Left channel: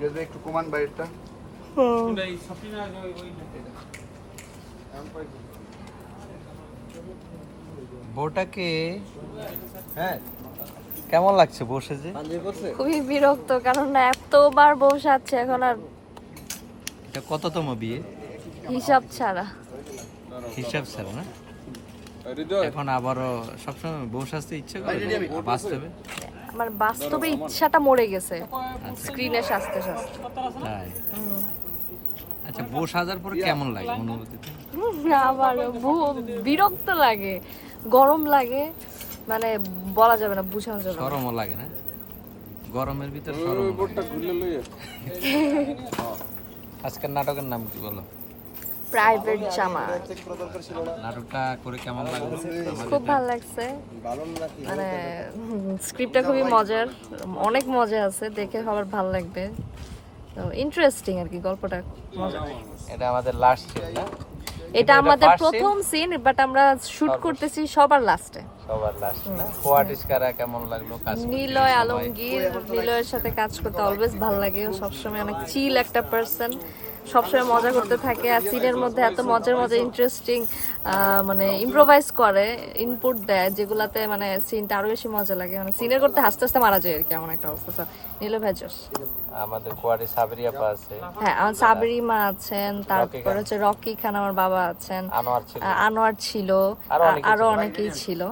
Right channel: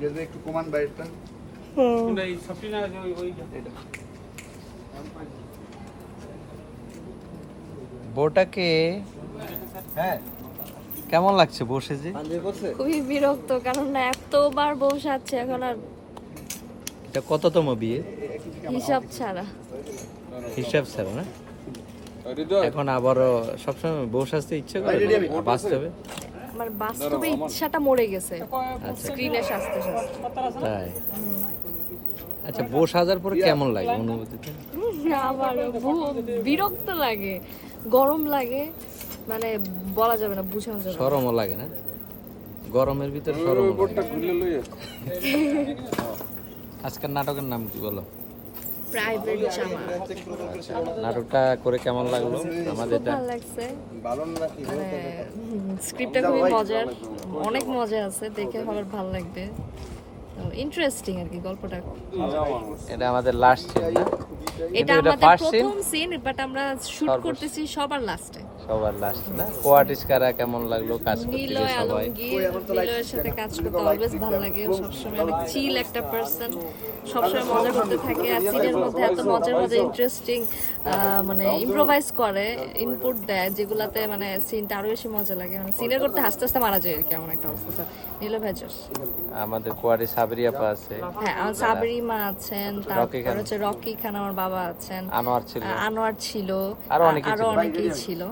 যদি একটু কমান বাইরেটা। বউটাকে হ্যাঁ কেমন লাগছে বসে যে খুবই বিরক্ত কারণ এতবার বসাচ্ছে এখন আর এটা কততম বিয়ে? হিসাব ছাড়া। হিসাব ছাড়া না? এখন আবারও সবসময় বউ সাজতে ইচ্ছে করে বাস্তবে? আমার বাস্তবে ইচ্ছাটা মরে গেছে। স্ক্রিনে সাজতে সাজতে। তাই? আচ্ছা বউ সাজার পরে কেমন লাগে অনুভূতিতে আবার বিরক্ত লাগে গরম লাগে মানে বলা যাবে না বুঝানো যাবে না। সরমও লাগে না? গরমের ভিতর সরম আজকের নাটকের নাম কি বলো? প্রাইভেট জামা। নাটকটা করে কেমন লাগল? খুব ভালো লাগছে। মানে স্ক্রিপ্টটা খুবই মজার। অনেক মজা আছে দেখে সবার ভালো লাগবে। তো ইন্টারেস্টিং আর কি গল্পটা এটা আমাদের লাস্ট এটা আমাদের প্রথম সিন বাট আমরা শুট করতেছি সবার লাস্টে সবার লাস্ট কোয়ার্টিস কারা কেমন লাগল কাজ নিলয় আলমগীর নিলয়ের সাথে কাজ করতে অলওয়েজ ভালো লাগে। ও সবসময় অনেক চিল একটা পার্সন সবসময় মজা করতে থাকে। আর সিনের মধ্যে এত মজার মজার ইন্টারেস্টিং মানে ইম্প্রোভাইজ করে ইনপুট দেয় যেগুলাতে মানে সিনটা আরও বেশি মজা লাগে। মানে সিনের করতে হাসতে হাসতে মারা যায় আর কি এমন একটা অবস্থা। নীলয় ভেজস আমাদের কোয়ারি সাবরিয়া পা আছে। হ্যাঁ আমার সাবরি মা আছেন তারপর হচ্ছে রকি খান আমার বাবা আছেন। আনোয়ার ছিল। আরও অনেকেই ছিল।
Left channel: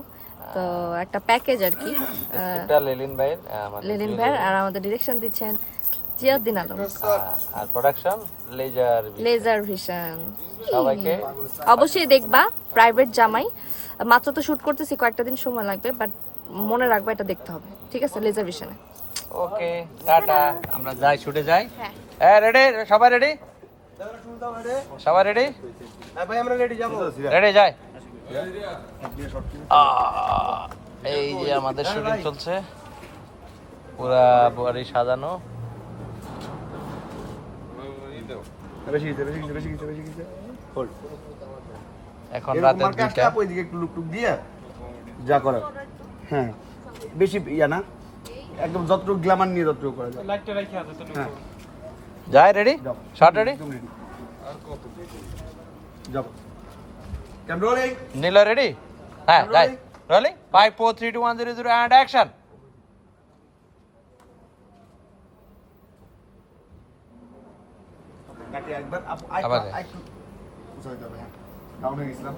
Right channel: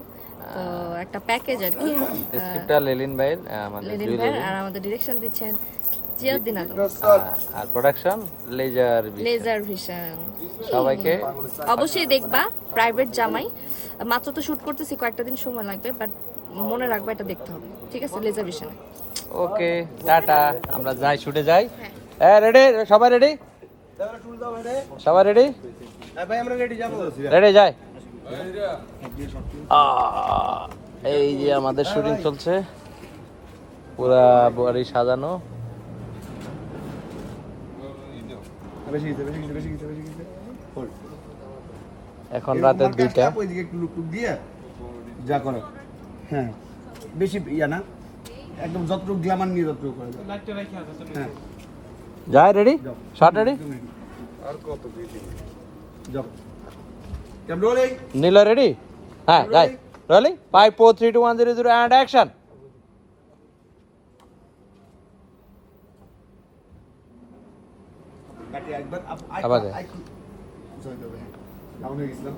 তো একটা প্যাকেজ আর কি লিলিন ভাইয়ের লেলিন ভাই আর আমাদের ডিরেকশন দিচ্ছেন জিয়াউদ্দিন আলম আর প্রোডাকশন লেজার লেজার ভিশন অবশ্যই দেখবা প্রাইভেট জামাই। মাত্র তো শুট করতেছি কয়েকটা দিন সময় লাগবে বাট মনে রাখবা এটা দেখতে হবে। ঠিক আছে লেজার ভিশনে ওকে টাটা। আমরা যাই ছুটে যাই। হ্যাঁ। হ্যাঁ রেডি সবাই রেডি সবাই রেডি ভাই আমরা রেডি যাব। রেডি যাই। এই যে আমাদের শুটিং চলছে। পুরা বাড়ি সাজানো। বেশি এখন যা করার। হ্যাঁ বেশি ইয়া না। একদম যতটুকু গ্ল্যামার নিয়ে যতটুকু করা যায়। হ্যাঁ। যাই রেডি যাও। শর্ট রেডি একদম ক্যামেরা রোলিং নীলা রেডি হ্যাঁ Rolling. 5, 4, 3, 2, 1, 0, 0, and action. Down here, Islam.